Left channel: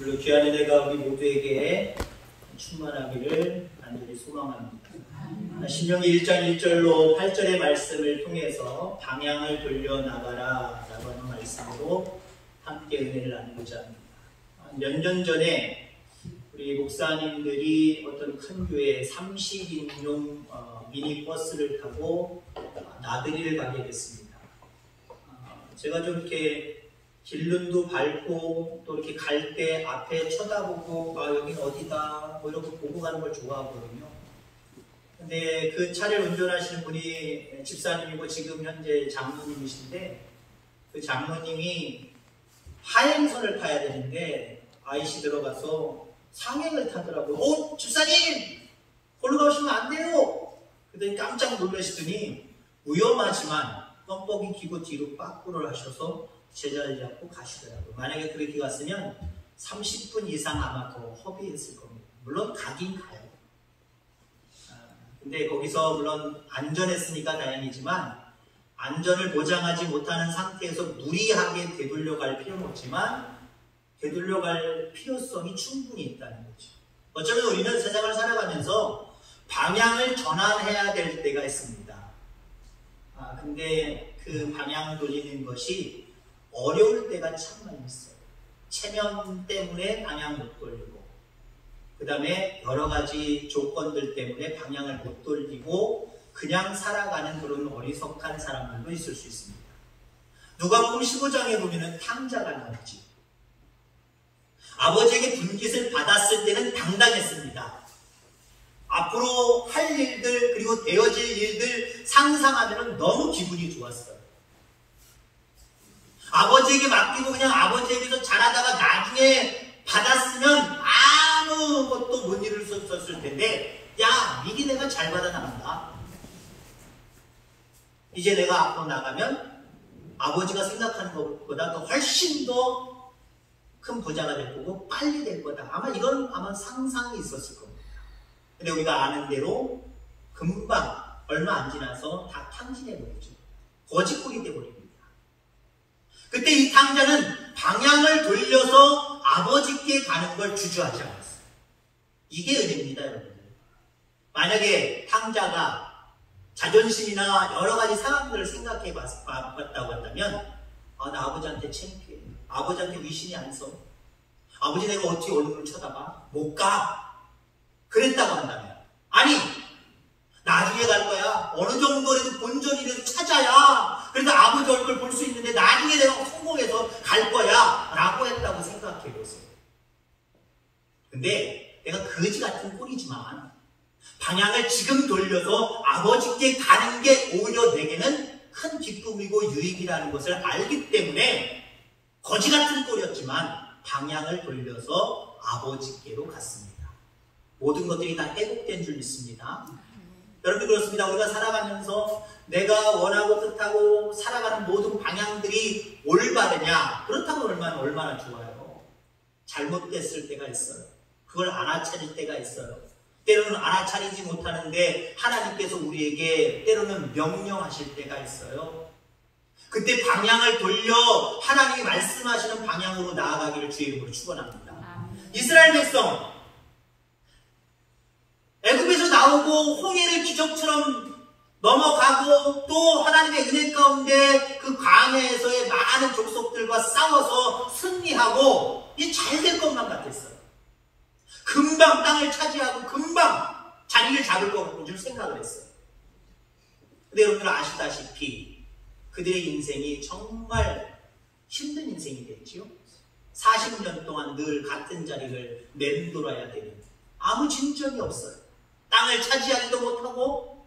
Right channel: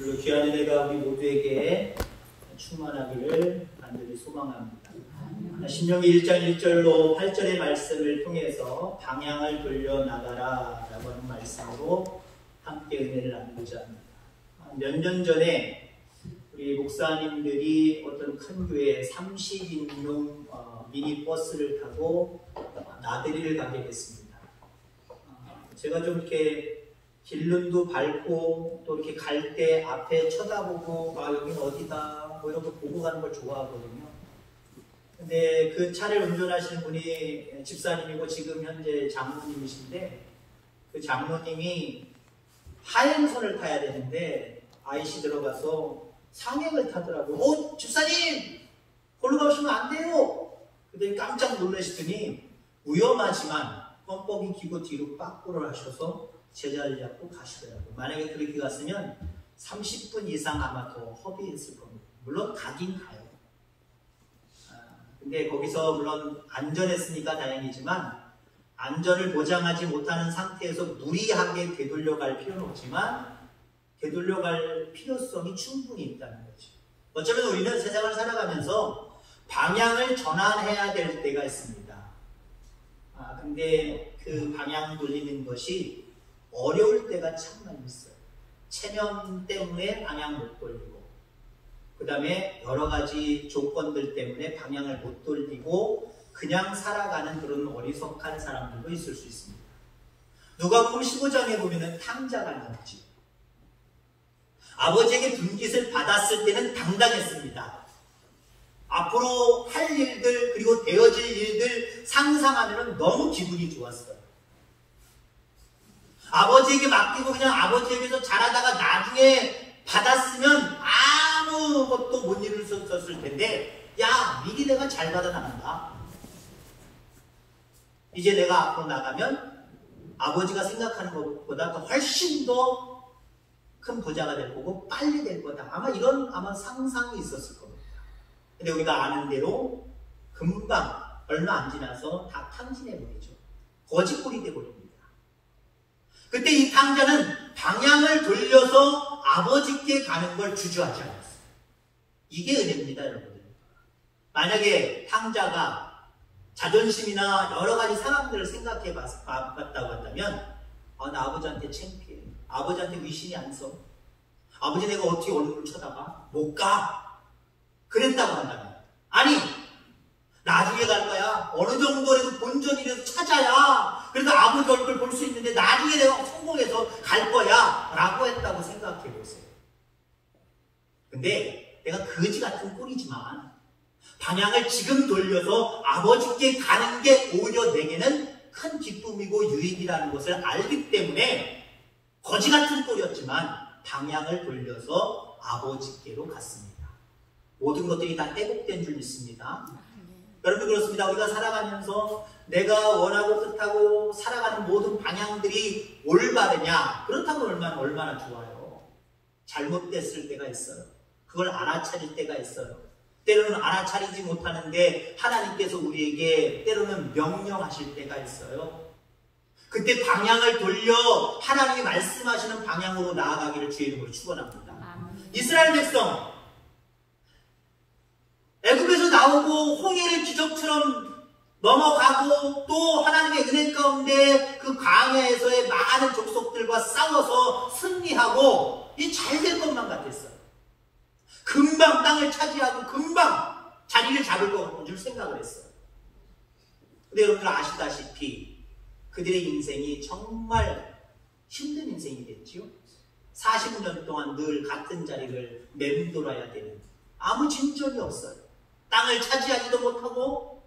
오늘 귀한 은혜가 우리 모두에게 충만하기를 간절히 소망합니다. 신명기 1장 1절로 8절의 말씀을 통해서 방향을 돌려 나가라 라고 하는 말씀으로 함께 은혜를 나누고자 합니다. 몇 년 전에 우리 목사님들이 어떤 큰 교회 30인용 미니버스를 타고 나들이를 가게 됐습니다. 제가 좀 이렇게 길눈도 밟고 또 이렇게 갈 때 앞에 쳐다보고 여긴 어디다 뭐 이렇게 보고 가는 걸 좋아하거든요. 근데 그 차를 운전하시는 분이 집사님이고 지금 현재 장로님이신데 그 장로님이 하행선을 타야 되는데 IC 들어가서 상행을 타더라고요. 집사님! 걸로 가시면 안 돼요! 그랬더니 깜짝 놀라시더니 위험하지만 껌뻑이 기고 뒤로 빠꾸를 하셔서 제자를 잡고 가시더라고요. 만약에 그렇게 갔으면 30분 이상 아마 더 허비했을 겁니다. 물론 가긴 가요. 근데 거기서 물론 안전했으니까 다행이지만 안전을 보장하지 못하는 상태에서 무리하게 되돌려갈 필요는 없지만 되돌려갈 필요성이 충분히 있다는 거죠. 어쩌면 우리는 세상을 살아가면서 방향을 전환해야 될 때가 있습니다. 근데 그 방향 돌리는 것이 어려울 때가 참 많이 있어요. 체면 때문에 방향 못 돌리고 그 다음에 여러 가지 조건들 때문에 방향을 못 돌리고 그냥 살아가는 그런 어리석한 사람들도 있을 수 있습니다. 누가복음 15장에 보면 탕자가 나오지. 아버지에게 분깃을 받았을 때는 당당했습니다. 앞으로 할 일들 그리고 되어질 일들 상상하면 너무 기분이 좋았어요. 아버지에게 맡기고 그냥 아버지에게서 잘하다가 나중에 받았으면 아무것도 못 이루었을 텐데 야 미리 내가 잘 받아 나간다. 이제 내가 앞으로 나가면 아버지가 생각하는 것보다 더 훨씬 더 큰 부자가 될 거고 빨리 될 거다. 이런 상상이 있었을 겁니다. 근데 우리가 아는 대로 금방 얼마 안 지나서 다 탕진해 버리죠. 거지꼴이 돼 버립니다. 그때 이 탕자는 방향을 돌려서 아버지께 가는 걸 주저하지 않았어요. 이게 은혜입니다, 여러분. 만약에 탕자가 자존심이나 여러 가지 상황들을 생각해 봤다고 한다면 나 아버지한테 창피해. 아버지한테 위신이 안 서. 아버지 내가 어떻게 얼굴을 쳐다봐? 못 가. 그랬다고 한다면 아니 나중에 갈 거야. 어느 정도라도 본전이라도 찾아야 그래도 아버지 얼굴 볼 수 있는데 나중에 내가 성공해서 갈 거야 라고 했다고 생각해 보세요. 근데 내가 거지 같은 꼴이지만 방향을 지금 돌려서 아버지께 가는 게 오히려 내게는 큰 기쁨이고 유익이라는 것을 알기 때문에 거지 같은 꼴이었지만 방향을 돌려서 아버지께로 갔습니다. 모든 것들이 다 회복된 줄 믿습니다. 여러분 그렇습니다. 우리가 살아가면서 내가 원하고 뜻하고 살아가는 모든 방향들이 올바르냐? 그렇다면 얼마나 좋아요. 잘못됐을 때가 있어요. 그걸 알아차릴 때가 있어요. 때로는 알아차리지 못하는데 하나님께서 우리에게 때로는 명령하실 때가 있어요. 그때 방향을 돌려 하나님이 말씀하시는 방향으로 나아가기를 주의 이름으로 축원합니다. 이스라엘 백성 애굽에서 나오고 홍해를 기적처럼 넘어가고 또 하나님의 은혜 가운데 그 광야에서의 많은 족속들과 싸워서 승리하고 잘 될 것만 같았어요. 금방 땅을 차지하고 금방 자리를 잡을 것 같고 좀 생각을 했어요. 근데 여러분 아시다시피 그들의 인생이 정말 힘든 인생이 됐지요. 40년 동안 늘 같은 자리를 맴돌아야 되는 아무 진전이 없어요. 땅을 차지하지도 못하고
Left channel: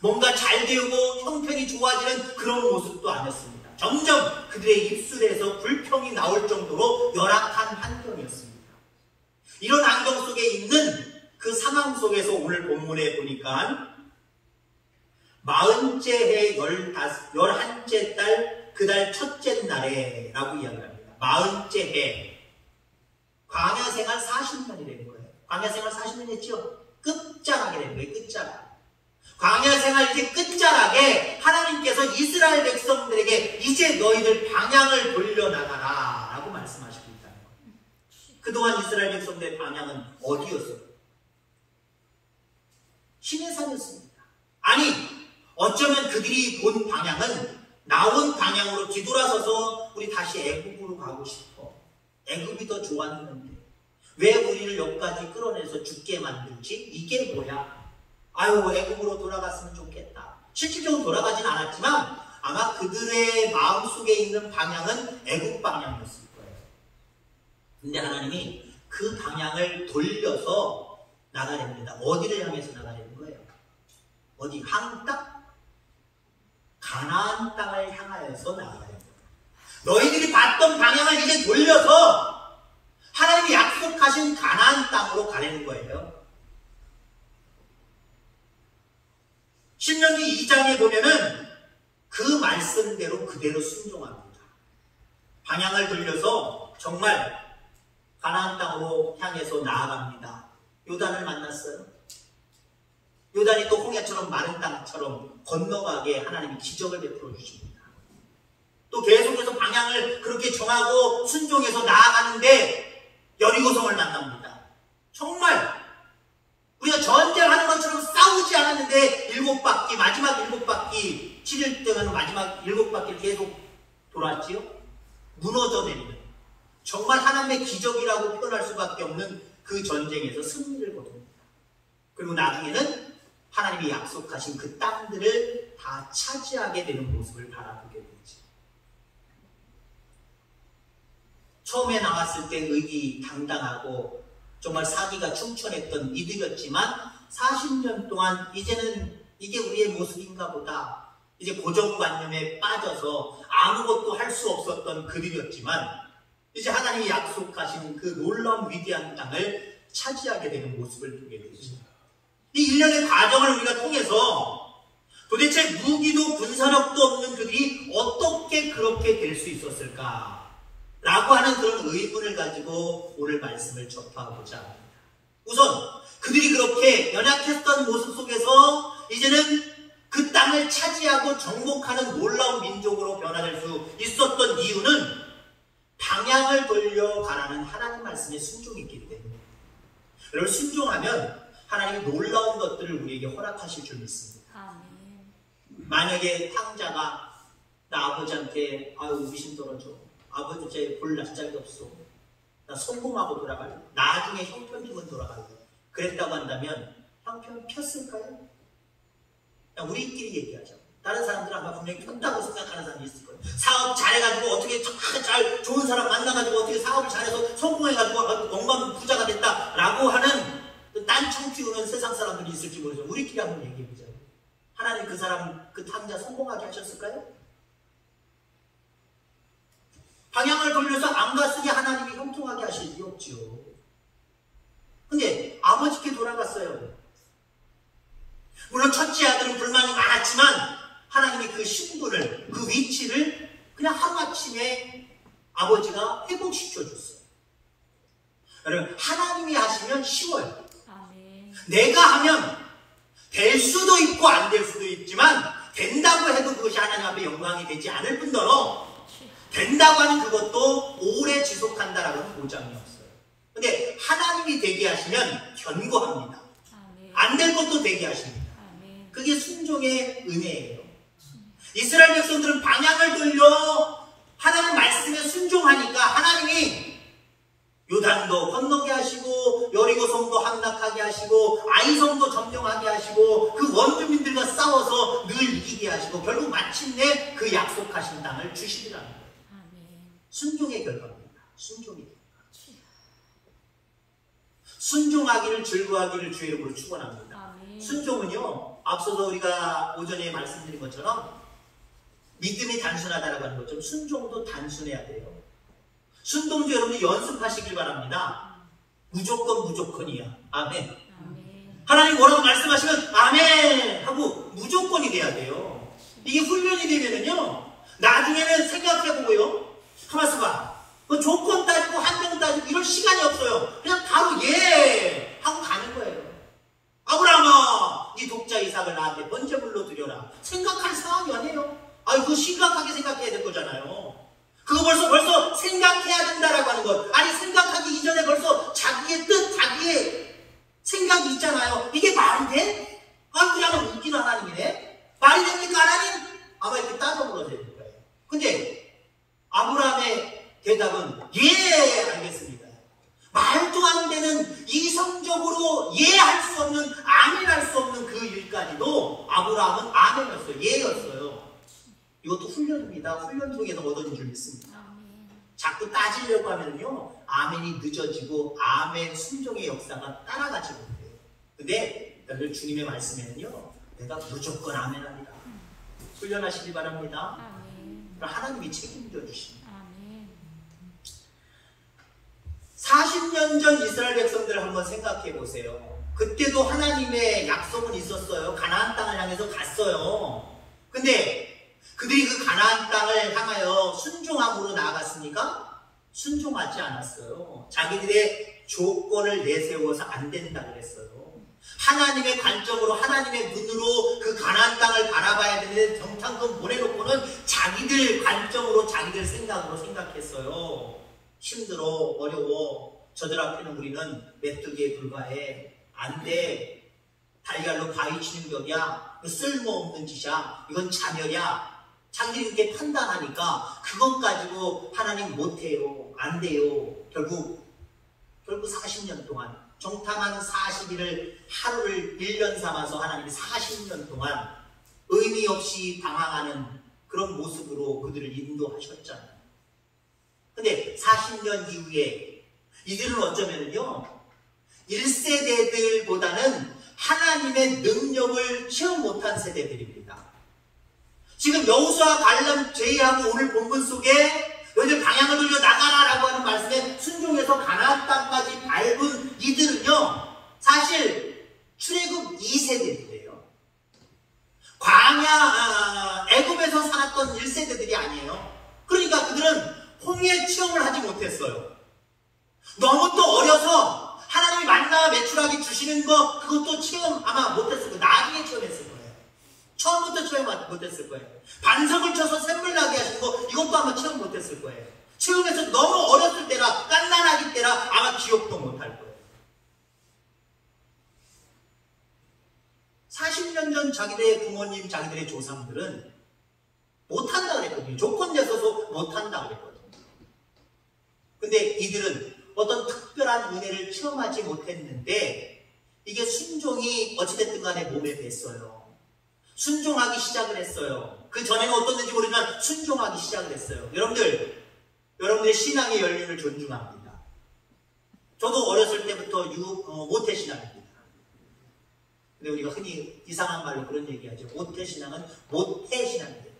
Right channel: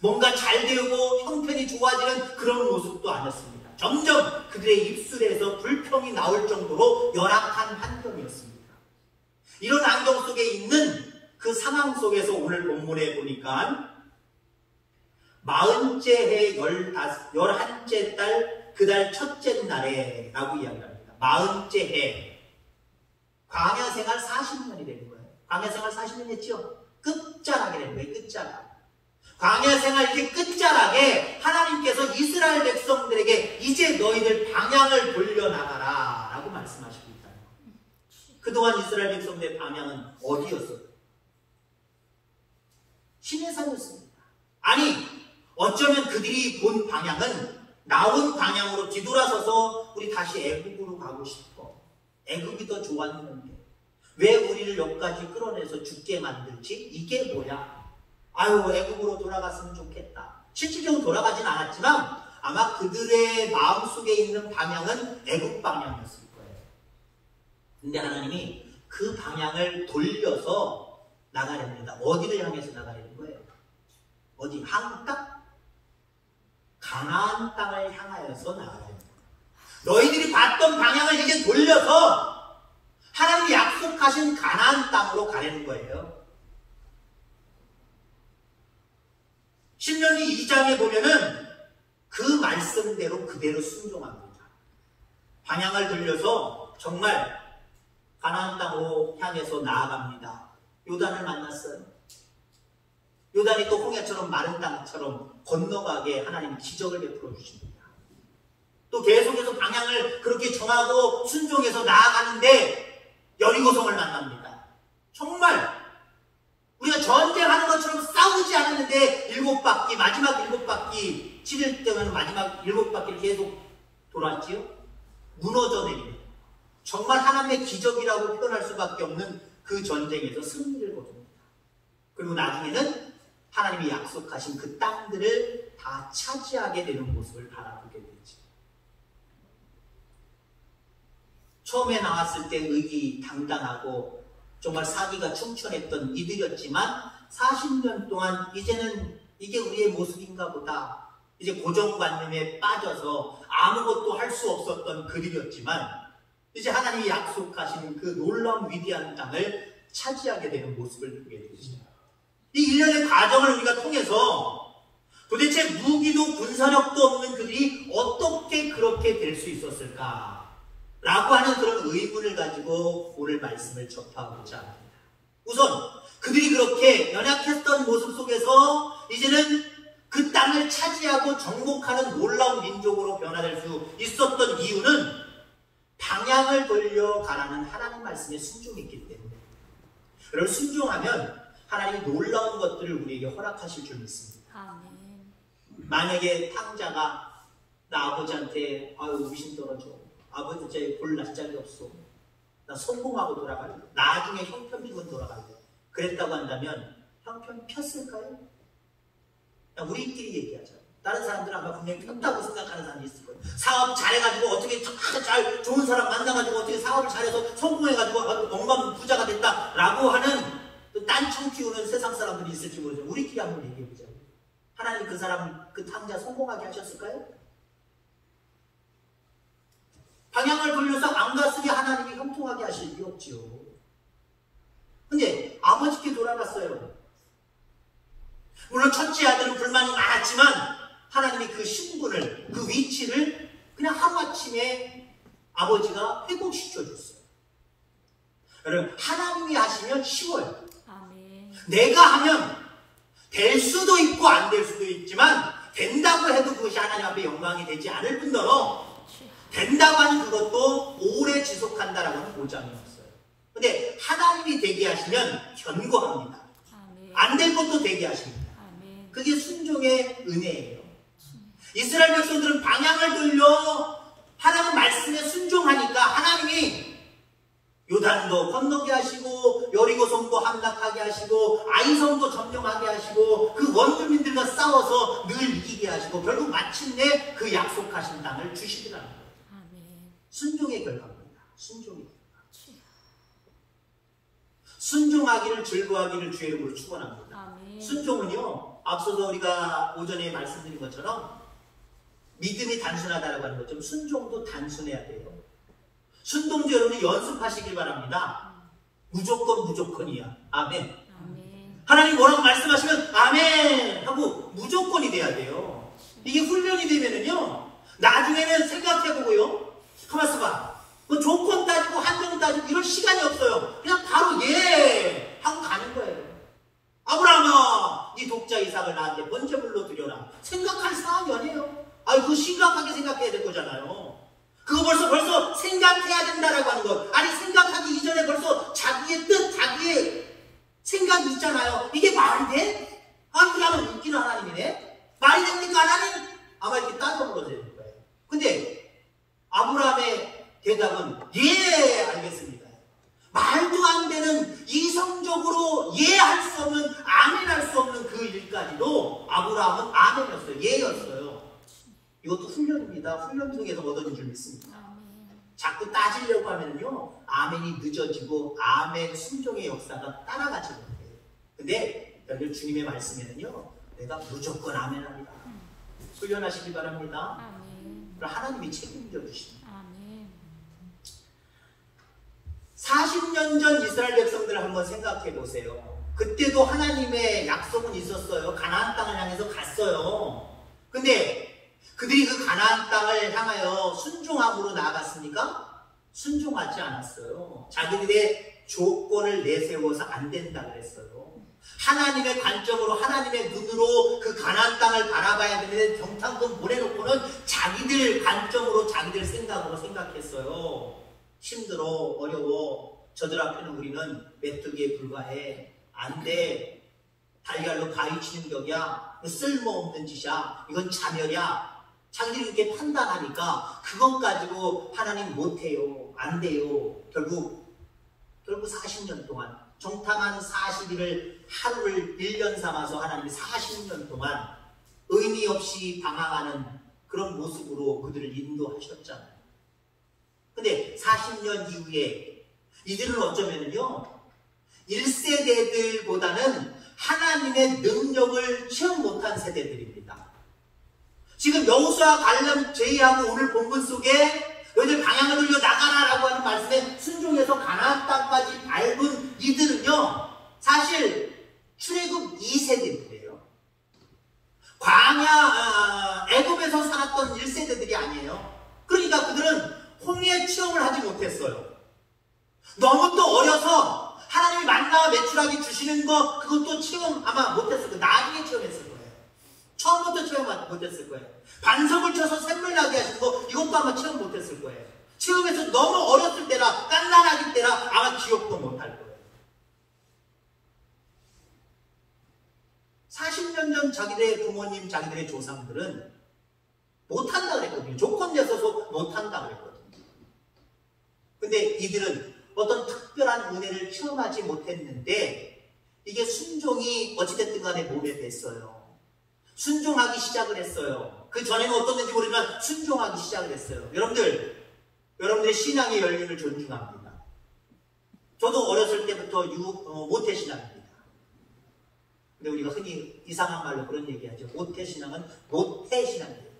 뭔가 잘 되고 형편이 좋아지는 그런 모습도 아니었습니다. 점점 그들의 입술에서 불평이 나올 정도로 열악한 환경이었습니다. 이런 환경 속에 있는 그 상황 속에서 오늘 본문에 보니까 40째 해 11째 달 그 달 첫째 날에 라고 이야기합니다. 40째 해 광야 생활 40년이 되는 거예요. 광야 생활 40년 했죠? 끝자락이 되는 거예요. 끝자락. 광야 생활 이제 끝자락에 하나님께서 이스라엘 백성들에게 이제 너희들 방향을 돌려나가라 라고 말씀하시고 있다는 거예요. 그동안 이스라엘 백성들의 방향은 어디였어요? 시내산이었습니다. 아니, 어쩌면 그들이 본 방향은 나온 방향으로 뒤돌아서서 우리 다시 애굽으로 가고 싶어. 애굽이 더 좋았는데 왜 우리를 여기까지 끌어내서 죽게 만들지? 이게 뭐야? 아유, 애굽으로 돌아갔으면 좋겠다. 실질적으로 돌아가진 않았지만 아마 그들의 마음속에 있는 방향은 애굽 방향이었을 거예요. 근데 하나님이 그 방향을 돌려서 나가렵니다. 어디를 향해서 나가려는 거예요? 어디? 한국 땅? 가나안 땅을 향하여서 나가렵니다. 너희들이 봤던 방향을 이제 돌려서 하나님이 약속하신 가나안 땅으로 가려는 거예요. 신명기 2장에 보면은 그 말씀대로 그대로 순종합니다. 방향을 돌려서 정말 가나안 땅으로 향해서 나아갑니다. 요단을 만났어요. 요단이 또 홍해처럼 마른 땅처럼 건너가게 하나님이 기적을 베풀어 주십니다. 또 계속해서 방향을 그렇게 정하고 순종해서 나아가는데 여리고성을 만납니다. 정말 우리가 전쟁하는 것처럼 싸우지 않았는데 마지막 7바퀴 7일 동안 마지막 7바퀴를 계속 돌았지요. 무너져 내리는 정말 하나님의 기적이라고 표현할 수밖에 없는 그 전쟁에서 승리를 거둡니다. 그리고 나중에는 하나님이 약속하신 그 땅들을 다 차지하게 되는 모습을 바라보게 되죠. 처음에 나왔을 때 의기당당하고 정말 사기가 충천했던 이들이었지만 40년 동안 이제는 이게 우리의 모습인가 보다. 이제 고정관념에 빠져서 아무것도 할 수 없었던 그들이었지만 이제 하나님이 약속하신 그 놀라운 위대한 땅을 차지하게 되는 모습을 보게 되죠. 이 일련의 과정을 우리가 통해서 도대체 무기도 군사력도 없는 그들이 어떻게 그렇게 될 수 있었을까? 라고 하는 그런 의문을 가지고 오늘 말씀을 접하고자 합니다. 우선 그들이 그렇게 연약했던 모습 속에서 이제는 그 땅을 차지하고 정복하는 놀라운 민족으로 변화될 수 있었던 이유는 방향을 돌려가라는 하나님 말씀에 순종했기 때문입니다. 여러분, 순종하면 하나님이 놀라운 것들을 우리에게 허락하실 줄 믿습니다. 아멘. 만약에 탕자가 나 아버지한테 아유 의심 떨어져. 아버지 제 볼 낯짝이 없어. 나 성공하고 돌아갈래. 나중에 형편 주면 돌아갈래. 그랬다고 한다면 형편 폈을까요? 그냥 우리끼리 얘기하자. 다른 사람들은 아마 분명히 폈다고 생각하는 사람이 있을 거예요. 사업 잘해가지고 어떻게 잘 좋은 사람 만나가지고 어떻게 사업을 잘해서 성공해가지고 영감 부자가 됐다라고 하는 딴청 띄우는 세상 사람들이 있을지 모르죠. 우리끼리 한번 얘기해보자. 하나님 그 사람 그 탕자 성공하게 하셨을까요? 방향을 돌려서 안 갔으니 하나님이 형통하게 하실 리 없지요. 근데 아버지께 돌아갔어요. 물론 첫째 아들은 불만이 많았지만 하나님이 그 신분을, 그 위치를 그냥 하루아침에 아버지가 회복시켜줬어요. 여러분, 하나님이 하시면 쉬워요. 아멘. 내가 하면 될 수도 있고 안 될 수도 있지만 된다고 해도 그것이 하나님 앞에 영광이 되지 않을 뿐더러 된다고 하는 그것도 오래 지속한다라는 보장이 없어요. 근데 하나님이 되게 하시면 견고합니다. 안 될 것도 되게 하십니다. 그게 순종의 은혜예요. 이스라엘 백성들은 방향을 돌려 하나님 말씀에 순종하니까 하나님이 요단도 건너게 하시고 여리고성도 함락하게 하시고 아이성도 점령하게 하시고 그 원주민들과 싸워서 늘 이기게 하시고 결국 마침내 그 약속하신 땅을 주시더라는 거예요. 순종의 결과입니다. 순종의 결과. 순종하기를 즐거워하기를 주의 이름으로 축원합니다. 아멘. 순종은요, 앞서서 우리가 오전에 말씀드린 것처럼 믿음이 단순하다라고 하는 것처럼 순종도 단순해야 돼요. 순종도 여러분이 연습하시길 바랍니다. 무조건이야. 아멘. 아멘. 하나님 뭐라고 말씀하시면 아멘 하고 무조건이 돼야 돼요. 이게 훈련이 되면은요, 나중에는 생각해보고요, 가만있어 봐. 조건 따지고 한정 따지고 이럴 시간이 없어요. 그냥 바로 예 하고 가는 거예요. 아브라함아, 네 독자 이삭을 나한테 번제물로 드려라. 생각할 상황이 아니에요. 그거 심각하게 생각해야 될 거잖아요. 그거 벌써 생각해야 된다라고 하는 것. 아니, 생각하기 이전에 벌써 자기의 뜻, 자기의 생각이 있잖아요. 이게 말이 돼? 아, 우리 하나님 웃기는 하나님이네? 말이 됩니까, 하나님? 아마 이렇게 따져물어야 될 거예요. 근데 아브라함의 대답은 예, 알겠습니다. 말도 안 되는 이성적으로 예할 수 없는, 아멘할 수 없는 그 일까지도 아브라함은 아멘이었어요. 예였어요. 이것도 훈련입니다. 훈련 속에서 얻어진 줄 믿습니다. 자꾸 따지려고 하면요, 아멘이 늦어지고 아멘 순종의 역사가 따라가지 못해요. 근데 여러분 주님의 말씀에는요, 내가 무조건 아멘합니다. 훈련하시기 바랍니다. 그럼 하나님이 책임져 주십니다. 40년 전 이스라엘 백성들을 한번 생각해 보세요. 그때도 하나님의 약속은 있었어요. 가나안 땅을 향해서 갔어요. 근데 그들이 그 가나안 땅을 향하여 순종함으로 나아갔습니까? 순종하지 않았어요. 자기들의 조건을 내세워서 안 된다 그랬어요. 하나님의 관점으로, 하나님의 눈으로 그 가나안 땅을 바라봐야 되는데 정탐금 보내놓고는 자기들 관점으로, 자기들 생각으로 생각했어요. 힘들어, 어려워, 저들 앞에는 우리는 메뚜기에 불과해, 안 돼, 달걀로 바위 치는 격이야, 쓸모없는 짓이야, 이건 자멸이야, 자기들이 이렇게 판단하니까 그것 가지고 하나님 못해요, 안 돼요. 결국 40년 동안 정탐한 40일을 하루를 1년 삼아서 하나님이 40년 동안 의미 없이 방황하는 그런 모습으로 그들을 인도하셨잖아요. 근데 40년 이후에 이들은 어쩌면요, 1세대들보다는 하나님의 능력을 체험 못한 세대들입니다. 지금 여호수아, 갈렙 제의하고 오늘 본문 속에 너희들 방향을 돌려 나가라라고 하는 말씀에 순종해서 가나안 땅까지 밟은 이들은요, 사실 출애굽 2세대들이에요. 광야, 애굽에서 살았던 1세대들이 아니에요. 그러니까 그들은 홍해 체험을 하지 못했어요. 너무 또 어려서 하나님이 만나와 메추라기 주시는 거, 그것도 체험 아마 못했을 거예요. 나중에 체험했을 거예요. 처음부터 체험 못했을 거예요. 반석을 쳐서 샘물 나게 하시는 거, 이것도 아마 체험 못했을 거예요. 체험해서 너무 어렸을 때라, 깐난하기 때라 아마 기억도 못할 거예요. 40년 전 자기들의 부모님, 자기들의 조상들은 못한다 그랬거든요. 조건 내서서 못한다 그랬거든요. 근데 이들은 어떤 특별한 은혜를 체험하지 못했는데 이게 순종이 어찌됐든 간에 몸에 뱄어요. 순종하기 시작을 했어요. 그 전에는 어떻는지 모르지만 순종하기 시작을 했어요. 여러분들의 신앙의 연륜을 존중합니다. 저도 어렸을 때부터 모태신앙입니다. 근데 우리가 흔히 이상한 말로 그런 얘기하죠. 모태신앙은 모태신앙이에요.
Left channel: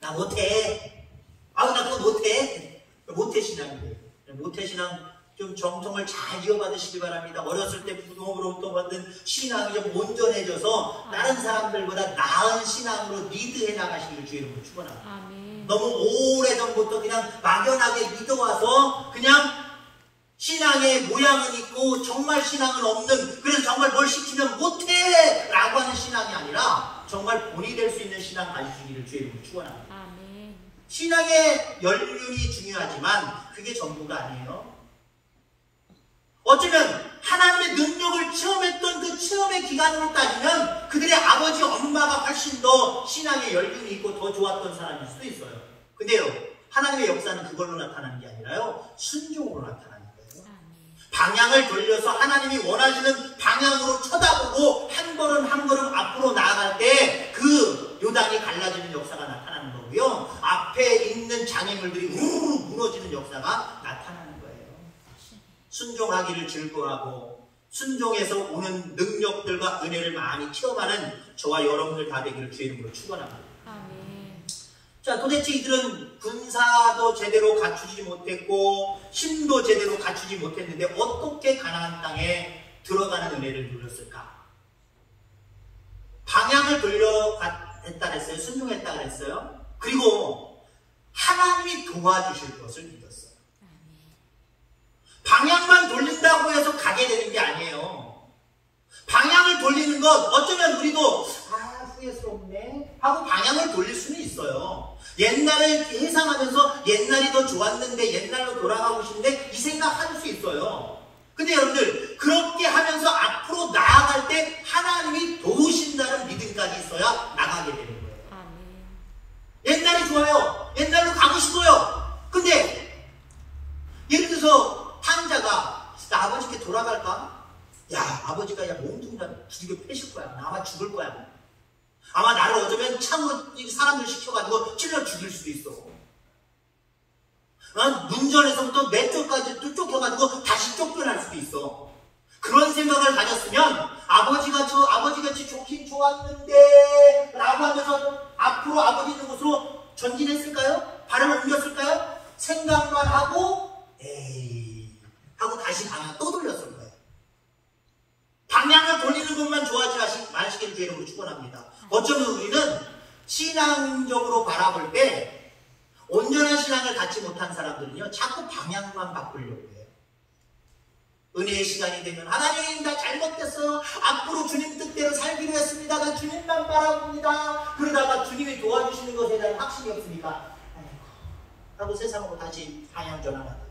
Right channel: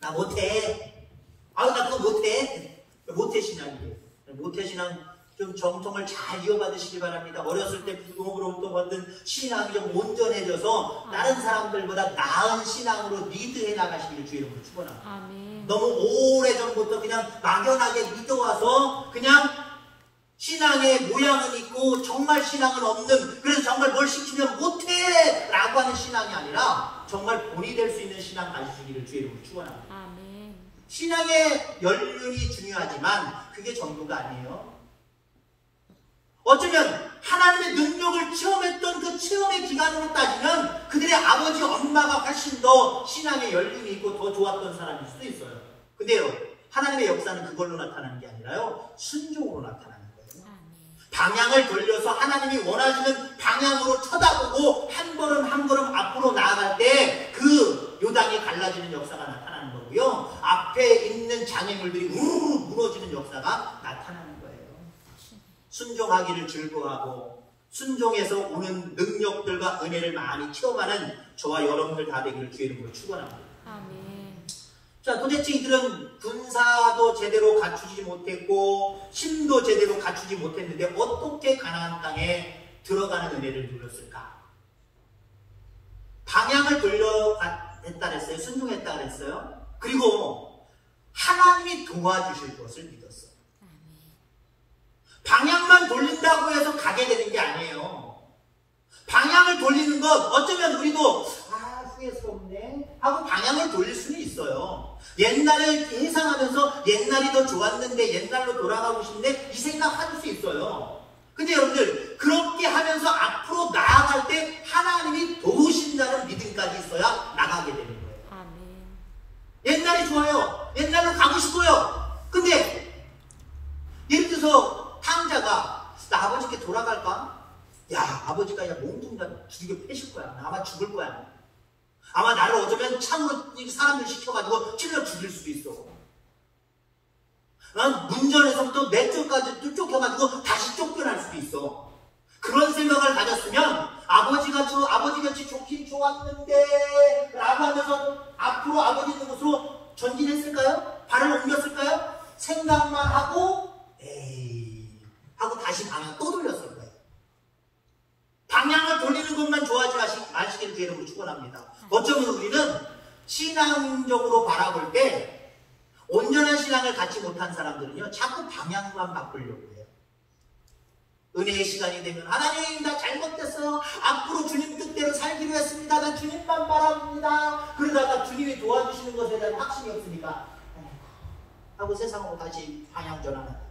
나 못해. 아유, 나 그거 못해. 모태신앙이에요. 모태신앙 좀 정통을 잘 이어받으시기 바랍니다. 어렸을 때 부모로부터 받은 신앙이 좀 온전해져서 다른 사람들보다 나은 신앙으로 리드해 나가시기를 주의 이름으로 축원합니다. 너무 오래전부터 그냥 막연하게 믿어와서 그냥 신앙의 모양은 있고 정말 신앙은 없는, 그래서 정말 뭘 시키면 못해 라고 하는 신앙이 아니라 정말 본이 될 수 있는 신앙 가지시기를 주의 이름으로 축원합니다. 신앙의 연륜이 중요하지만 그게 전부가 아니에요. 어쩌면 하나님의 능력을 체험했던 그 체험의 기간으로 따지면 그들의 아버지, 엄마가 훨씬 더 신앙의 연륜이 있고 더 좋았던 사람일 수도 있어요. 근데요, 하나님의 역사는 그걸로 나타나는 게 아니라요, 순종으로 나타나는 거예요. 방향을 돌려서 하나님이 원하시는 방향으로 쳐다보고 한 걸음 한 걸음 앞으로 나아갈 때 그 요단이 갈라지는 역사가 나타나는 거고요, 앞에 있는 장애물들이 우르르 무너지는 역사가 나타나는 거예요. 순종하기를 즐거워하고 순종해서 오는 능력들과 은혜를 많이 체험하는 저와 여러분들 다 되기를 주의 이름으로 축원합니다. 자, 도대체 이들은 군사도 제대로 갖추지 못했고 힘도 제대로 갖추지 못했는데 어떻게 가나안 땅에 들어가는 은혜를 누렸을까? 방향을 돌려했다 그랬어요. 순종했다 그랬어요. 그리고 하나님이 도와주실 것을 믿었어요. 방향만 돌린다고 해서 가게 되는 게 아니에요. 방향을 돌리는 것, 어쩌면 우리도 후회스럽네 하고 방향을 돌릴 수는 있어요. 옛날을 회상하면서 옛날이 더 좋았는데 옛날로 돌아가고 싶은데 이 생각할 수 있어요. 근데 여러분들 그렇게 하면서 앞으로 나아갈 때 하나님이 도우신다는 믿음까지 있어야 나가게 되는 거예요. 아멘. 옛날이 좋아요. 옛날로 가고 싶어요. 근데 예를 들어서 탕자가 나 아버지께 돌아갈까? 야, 아버지가 야 몸뚱이가 두들겨 패실 거야. 나 아마 죽을 거야. 아마 나를 어쩌면 참으로 사람들 시켜가지고 찔러 죽일 수도 있어. 문전에서부터 맷줄까지 쫓겨가지고 다시 쫓겨날 수도 있어. 그런 생각을 가졌으면 아버지가 아버지같이 좋긴 좋았는데 라고 하면서 앞으로 아버지 있는 곳으로 전진했을까요? 발을 옮겼을까요? 생각만 하고 에이 하고 다시 방향 또 돌렸을 거예요. 방향을 돌리는 것만 좋아하지 마시기를 주의 이름으로 축원합니다. 어쩌면 우리는 신앙적으로 바라볼 때 온전한 신앙을 갖지 못한 사람들은요, 자꾸 방향만 바꾸려고 해요. 은혜의 시간이 되면 하나님 나 잘못됐어요. 앞으로 주님 뜻대로 살기로 했습니다. 나 주님만 바라봅니다. 그러다가 주님이 도와주시는 것에 대한 확신이 없으니까 하고 세상으로 다시 방향 전환하다.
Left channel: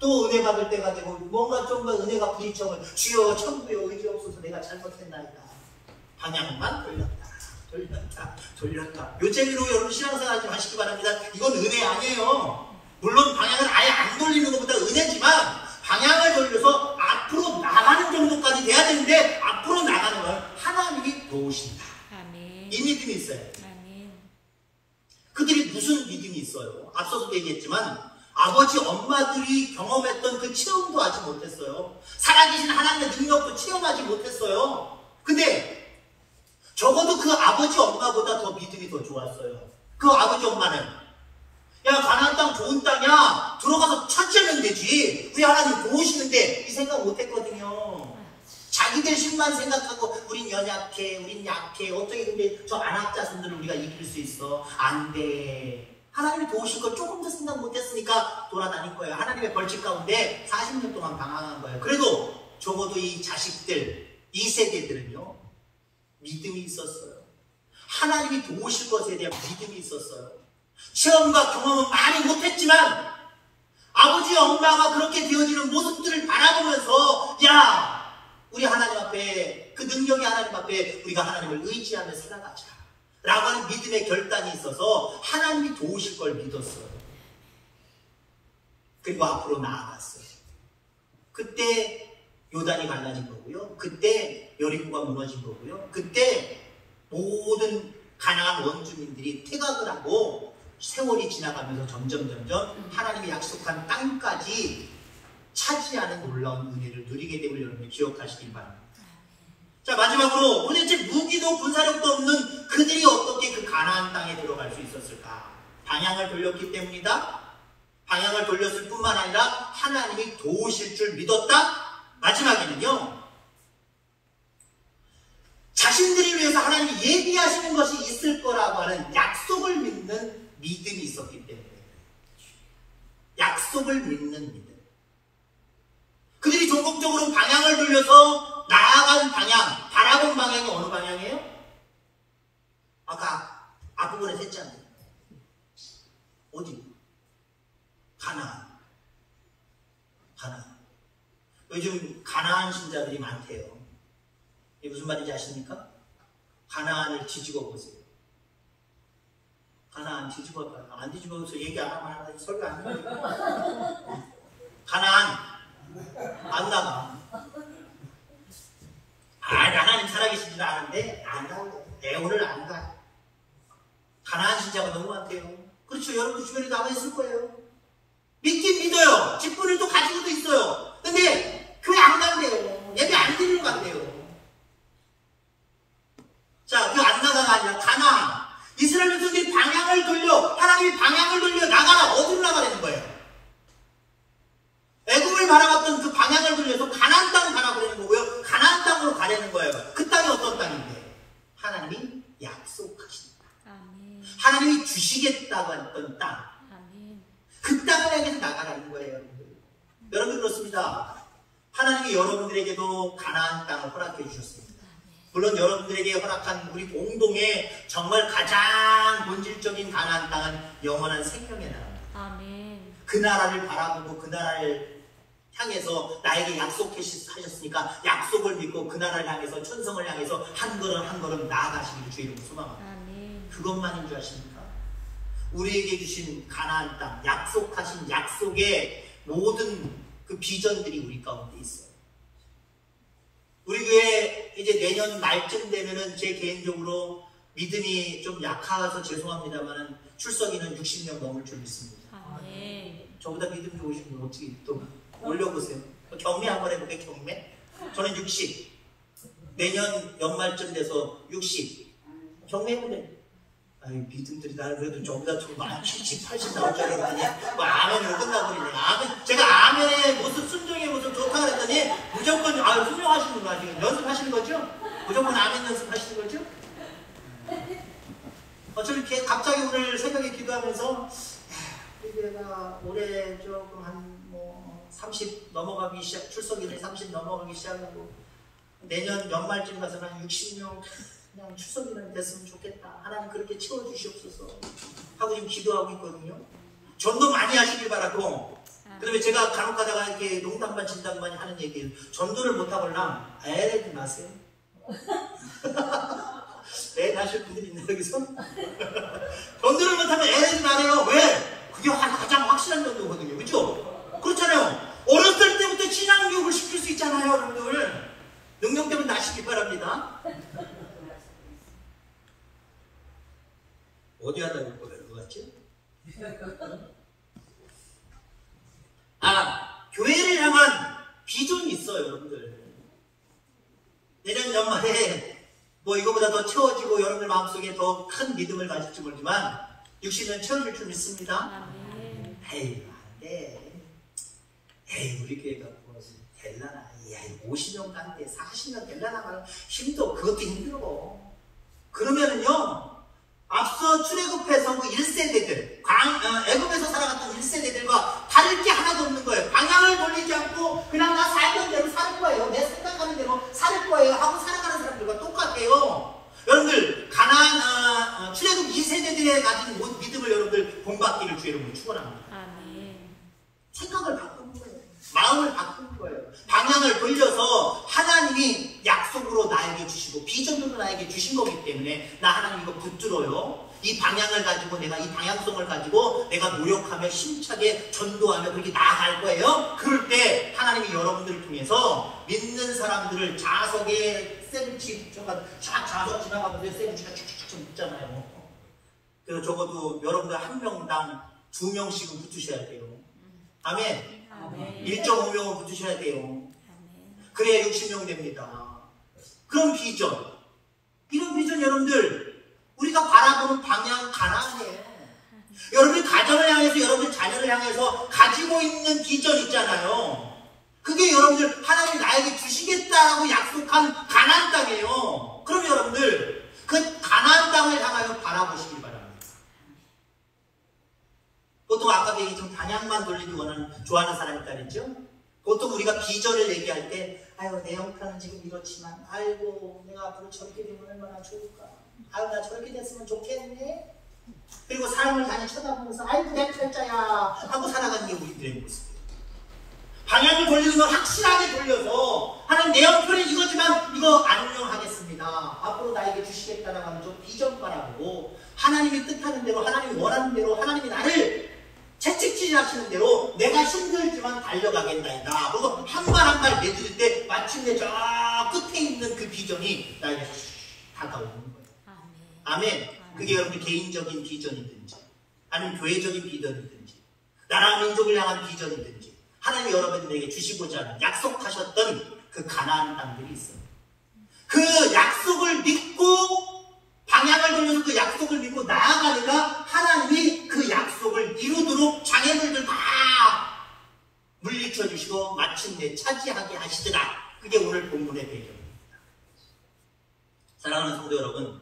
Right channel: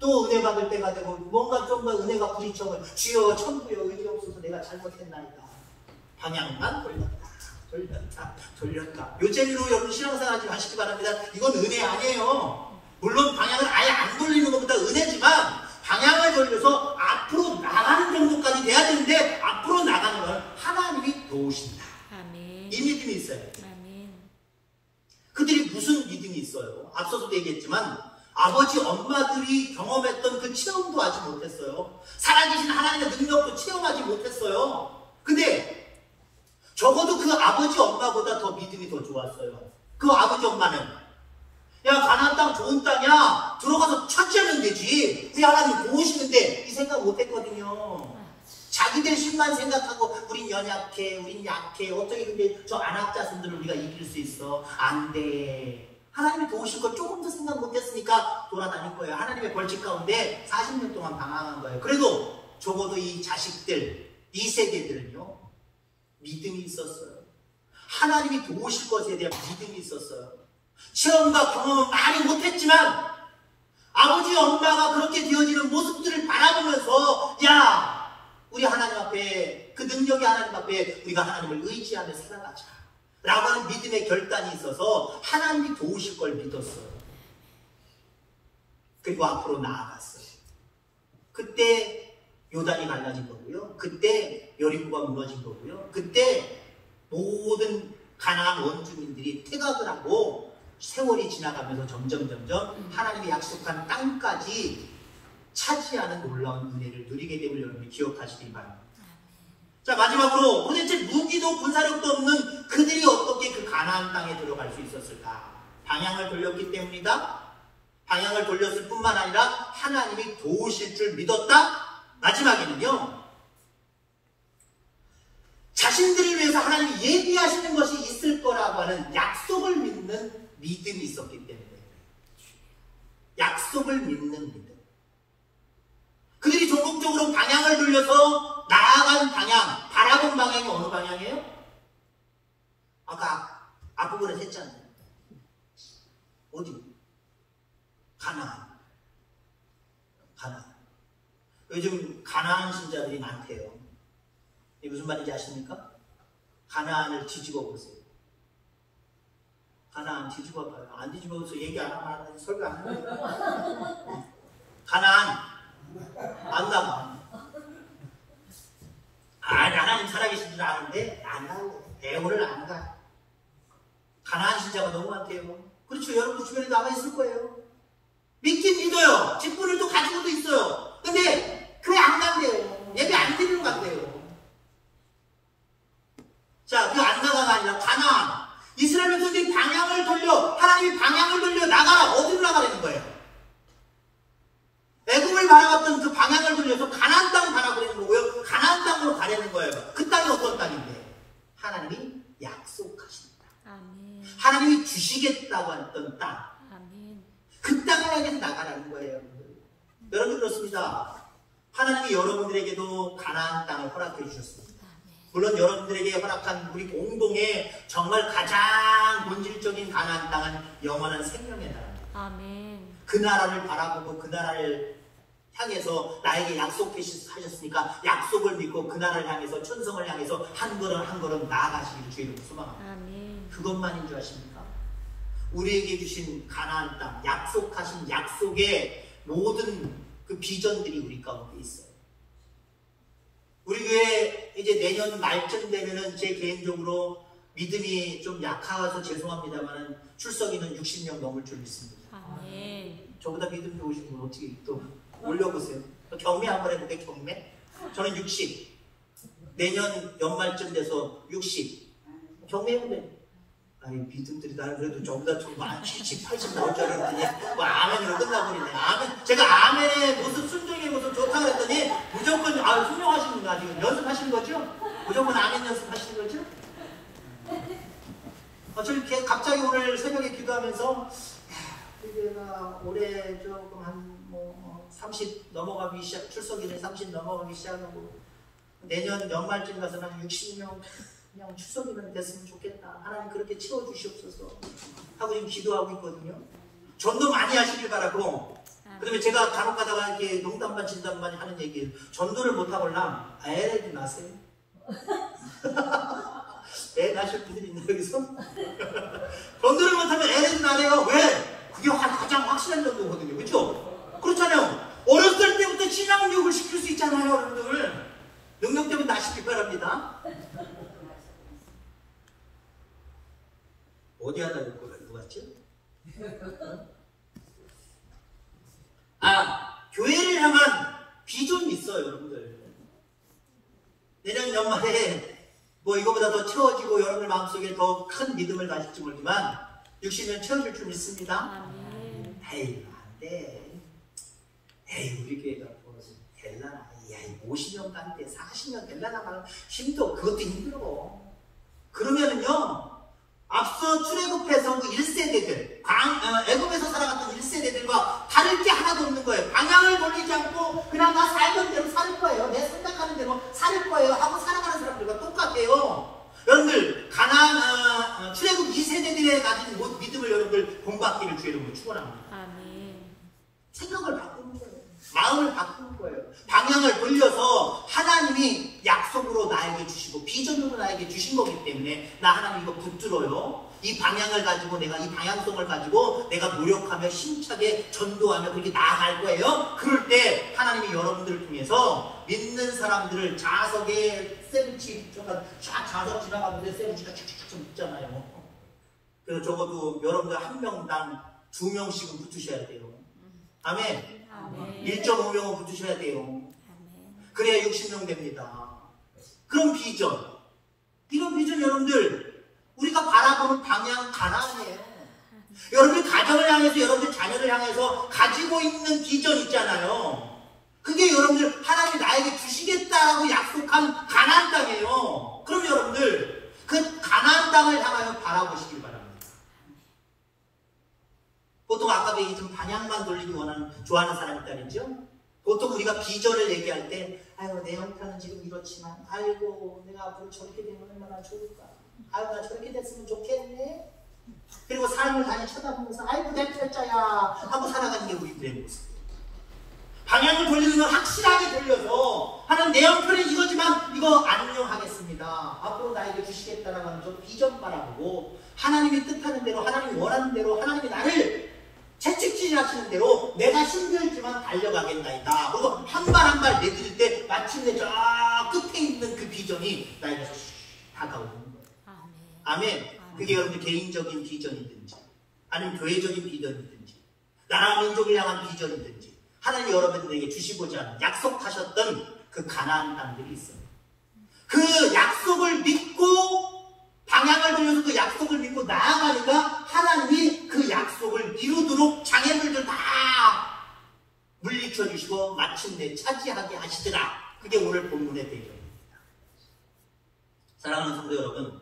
또 은혜 받을 때가 되고 뭔가 좀 더 은혜가 부딪혀면 주여 천국에 의지 없어서 내가 잘못했나이다. 방향만 돌렸다. 요 재미로 여러분 신앙생활 하지 마시기 바랍니다. 이건 은혜 아니에요. 물론 방향을 아예 안 돌리는 것보다 은혜지만 방향을 돌려서 앞으로 나가는 정도까지 돼야 되는데 앞으로 나가는 건 하나님이 도우신다. 아멘. 이 믿음이 있어요. 아멘. 그들이 무슨 믿음이 있어요? 앞서서도 얘기했지만 아버지 엄마들이 경험했던 그 체험도 하지 못했어요. 살아계신 하나님의 능력도 체험하지 못했어요. 근데 적어도 그 아버지 엄마보다 더 믿음이 더 좋았어요. 그 아버지 엄마는 야 가나안 땅 좋은 땅이야 들어가서 찾으면 되지 왜 하나님 도우시는데 이 생각 못했거든요. 자기들 신만 생각하고 우린 연약해 우린 약해 어떻게 근데 저 안학자손들을 우리가 이길 수 있어. 안 돼. 하나님이 도우실 걸 조금 더 생각 못했으니까 돌아다닐 거예요. 하나님의 벌칙 가운데 40년 동안 방황한 거예요. 그래도 적어도 이 자식들 이 세대들은요 믿음이 있었어요. 하나님이 도우실 것에 대한 믿음이 있었어요. 체험과 경험은 많이 못했지만 아버지 엄마가 그렇게 되어지는 모습들을 바라보면서 야 우리 하나님 앞에 그 능력이 하나님 앞에 우리가 하나님을 의지하며 살아가자 라고 하는 믿음의 결단이 있어서 하나님이 도우실 걸 믿었어요. 그리고 앞으로 나아갔어요. 그때 요단이 갈라진 거고요. 그때 여리고가 무너진 거고요. 그때 모든 가나안 원주민들이 퇴각을 하고 세월이 지나가면서 점점 하나님이 약속한 땅까지 차지하는 놀라운 은혜를 누리게 됨을 여러분이 기억하시길 바랍니다. 자 마지막으로 도대체 무기도 군사력도 없는 그들이 어떻게 그 가나안 땅에 들어갈 수 있었을까? 방향을 돌렸기 때문이다. 방향을 돌렸을 뿐만 아니라 하나님이 도우실 줄 믿었다. 마지막에는요 자신들을 위해서 하나님이 예비하시는 것이 있을 거라고 하는 약속을 믿는 믿음이 있었기 때문에 약속을 믿는 믿음. 그들이 전국적으로 방향을 돌려서 나아간 방향, 바라본 방향이 어느 방향이에요? 아까 앞부분에 했잖아요. 어디? 가나안. 요즘 가나안 신자들이 많대요. 이게 무슨 말인지 아십니까? 가나안을 뒤집어 보세요. 가나안 뒤집어 봐요. 안 뒤집어서 얘기 안 하면 설교 안 해요. 가나안 안 나가. 하나님 살아계신지는 아는데 안 가요. 애호를 안 가. 가나안 신자가 너무 많대요. 그렇죠. 여러분 주변에 나가 있을 거예요. 믿긴 믿어요. 직분을 또 가지고도 있어요. 근데 교회 안 간대요. 예배 안 드리러 간대요. 자, 그 안 나가가 아니라 가나안. 이스라엘 백성들이 방향을 돌려 하나님이 방향을 돌려 나가라. 어디로 나가라는 거예요? 애굽을 바라봤던 그 방향을 돌려서 가나안 땅을 바라보려는 거고요. 가나안 땅으로 가려는 거예요. 그 땅이 어떤 땅인데? 하나님이 약속하신 땅. 하나님이 주시겠다고 했던 땅. 그 땅을 향해서 나가라는 거예요. 여러분 그렇습니다. 하나님이 여러분들에게도 가나안 땅을 허락해 주셨습니다. 물론 여러분들에게 허락한 우리 공동의 정말 가장 본질적인 가나안 땅은 영원한 생명의 나라입니다. 그 나라를 바라보고 그 나라를 향해서 나에게 약속하셨으니까 약속을 믿고 그 나라를 향해서 천성을 향해서 한 걸음 한 걸음 나아가시기를 주의 이름으로 소망합니다. 그것만인 줄 아십니까? 우리에게 주신 가나안 땅, 약속하신 약속의 모든 그 비전들이 우리 가운데 있어요. 우리 교회 이제 내년 말쯤 되면은 제 개인적으로 믿음이 좀 약해서 죄송합니다만은 출석인은 60명 넘을 줄 믿습니다. 저보다 믿음 좋으신 분 어떻게 또 올려보세요. 경매 한번 해볼게요. 경매. 저는 60. 내년 연말쯤 돼서 60. 경매해보세요. 아니 믿음들이 나는 그래도 저보다 좀 많이 70, 80 나올 줄 알았더니 뭐 아멘으로 끝나버리네. 아멘. 제가 아멘의 모습, 순종의 모습 좋다 그랬더니 무조건 순종하시는구나. 지금 연습하시는 거죠? 무조건 아멘 연습하시는 거죠? 저렇게 갑자기 오늘 새벽에 기도하면서 내가 올해 조금 한 30 넘어가기 시작, 출석일에 30 넘어가기 시작하고 내년 연말쯤 가서는 한 60명 그냥 출석일은 됐으면 좋겠다. 하나님 그렇게 채워주시옵소서 하고 지금 기도하고 있거든요. 전도 많이 하시길 바라고. 그 다음에 제가 간혹 가다가 이렇게 농담반 진담반 하는 얘기를 전도를 못하걸랑 애래지 마세요. 애 낳으실 분들이 있나 여기서? 전도를 못하면 애래지 마세요. 왜? 그게 가장 확실한 전도거든요. 그렇죠? 그렇잖아요. 어렸을 때부터 신앙교육을 시킬 수 있잖아요. 여러분들 능력되면 나시기 바랍니다. 어디 하다 볼 것 같죠? 교회를 향한 비전이 있어요, 여러분들. 내년 연말에 뭐 이거보다 더 채워지고 여러분들 마음속에 더 큰 믿음을 가질지 모르지만 60년 채워질 줄 믿습니다. 에이, 안 돼. 에이, 우리 교회가 뭐 될라나. 야, 50년 간대 40년 될라나 말 힘도 그것도 힘들어. 그러면은요. 앞서 출애굽해서 그 1세대들, 애굽에서 살아갔던 1세대들과 다를 게 하나도 없는 거예요. 방향을 돌리지 않고 그냥 나 살던 대로 살 거예요. 내 생각하는 대로 살 거예요. 하고 살아가는 사람들과 똑같아요. 여러분들 출애굽 2세대들에 가진 믿음을 여러분들 본받기를 주의 이름으로 축원합니다. 생각을 바꾸는 거예요. 마음을 바꾸는 거예요. 방향을 돌려서 하나님이 약속으로 나에게 주시고 비전으로 나에게 주신 거기 때문에 나 하나님 이거 붙들어요. 이 방향을 가지고 내가 이 방향성을 가지고 내가 노력하며 힘차게 전도하며 그렇게 나아갈 거예요. 그럴 때 하나님이 여러분들을 통해서 믿는 사람들을 자석에 세르치 자석 지나가는데 세르치가 쭉쭉쭉 붙잖아요. 그래서 적어도 여러분들 한 명당 2명씩은 붙으셔야 돼요. 아멘. 1.5명은 붙으셔야 돼요. 그래야 60명 됩니다. 그런 비전, 이런 비전 여러분들 우리가 바라보는 방향 가나안이에요. 여러분들 가정을 향해서 여러분들 자녀를 향해서 가지고 있는 비전 있잖아요. 그게 여러분들 하나님이 나에게 주시겠다라고 약속한 가나안 땅이에요. 그럼 여러분들 그 가나안 땅을 향하여 바라보시길 바랍니다. 보통 아까 얘기했던 방향만 돌리기 좋아하는 사람이 있다랬죠? 보통 우리가 비전을 얘기할 때 아유 내 형편은 지금 이렇지만 아이고 내가 앞으로 저렇게 되면 얼마나 좋을까, 아유 나 저렇게 됐으면 좋겠네, 그리고 사람을 다니 쳐다보면서 아이고 내 팔자야 하고 살아가는 게 우리들의 모습이에요. 방향을 돌리는 건 확실하게 돌려서 하나님 내 형편은 이거지만 이거 안녕하겠습니다, 앞으로 나에게 주시겠다라고 하는 저 비전 바라보고 하나님이 뜻하는 대로 하나님이 원하는 대로 하나님이 나를 채찍질 하시는 대로 내가 힘들지만 달려가겠나이다. 그리고 한 발 한 발 내딛을 때 마침내 저 끝에 있는 그 비전이 나에게 다가오는 거예요. 아멘. 그게 여러분 개인적인 비전이든지 아니면 교회적인 비전이든지 나라 민족을 향한 비전이든지 하나님이 여러분들에게 주시고자 하는 약속하셨던 그 가나안 땅들이 있어요. 그 약속을 믿고 방향을 돌려서 그 약속을 믿고 나아가니까 하나님이 그 약속을 이루도록 장애물들 다 물리쳐 주시고 마침내 차지하게 하시더라. 그게 오늘 본문의 배경입니다. 사랑하는 성도 여러분,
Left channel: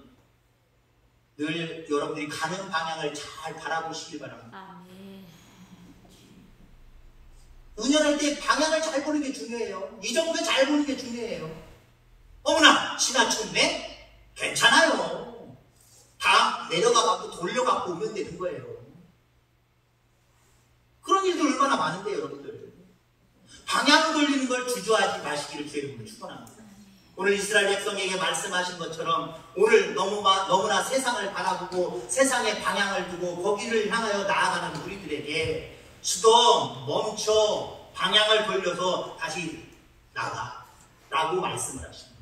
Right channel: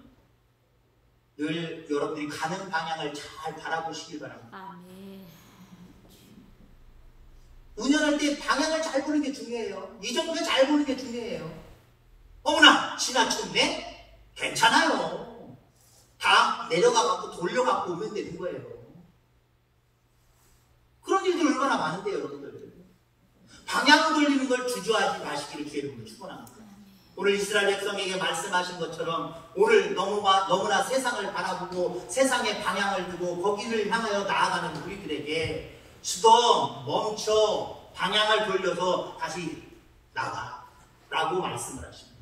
늘 여러분들이 가는 방향을 잘 바라보시길 바랍니다. 운전할 때 방향을 잘 보는 게 중요해요. 이 정도 잘 보는 게 중요해요. 어머나 지나쳤네? 괜찮아요. 다 내려가갖고 돌려갖고 오면 되는 거예요. 그런 일도 얼마나 많은데 여러분들. 방향 돌리는 걸 주저하지 마시기를 주의 이름으로 축원합니다. 오늘 이스라엘 백성에게 말씀하신 것처럼 오늘 너무나 세상을 바라보고 세상의 방향을 두고 거기를 향하여 나아가는 우리들에게 스톱, 멈춰, 방향을 돌려서 다시 나가 라고 말씀을 하십니다.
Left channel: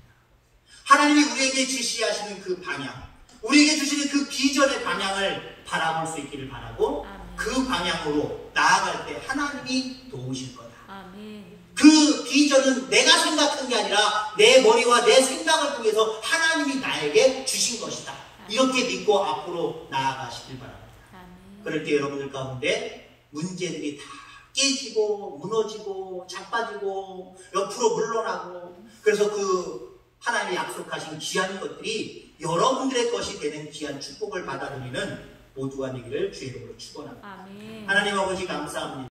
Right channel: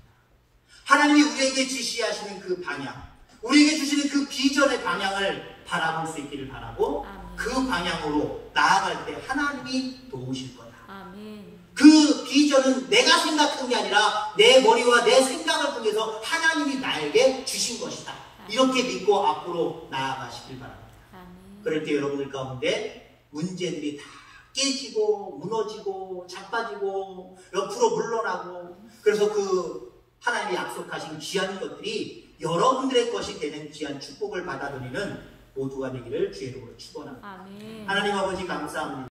하나님이 우리에게 지시하시는 그 방향, 우리에게 주시는 그 비전의 방향을 바라볼 수 있기를 바라고 아멘. 그 방향으로 나아갈 때 하나님이 도우실 거다. 아멘. 그 비전은 내가 생각한 게 아니라 내 머리와 내 생각을 통해서 하나님이 나에게 주신 것이다. 이렇게 믿고 앞으로 나아가시길 바랍니다. 아멘. 그럴 때 여러분들 가운데 문제들이 다 깨지고 무너지고 자빠지고 옆으로 물러나고 그래서 그 하나님이 약속하신 귀한 것들이 여러분들의 것이 되는 귀한 축복을 받아들이는 모두가 되기를 주의 이름으로 축원합니다. 아멘. 하나님 아버지 감사합니다.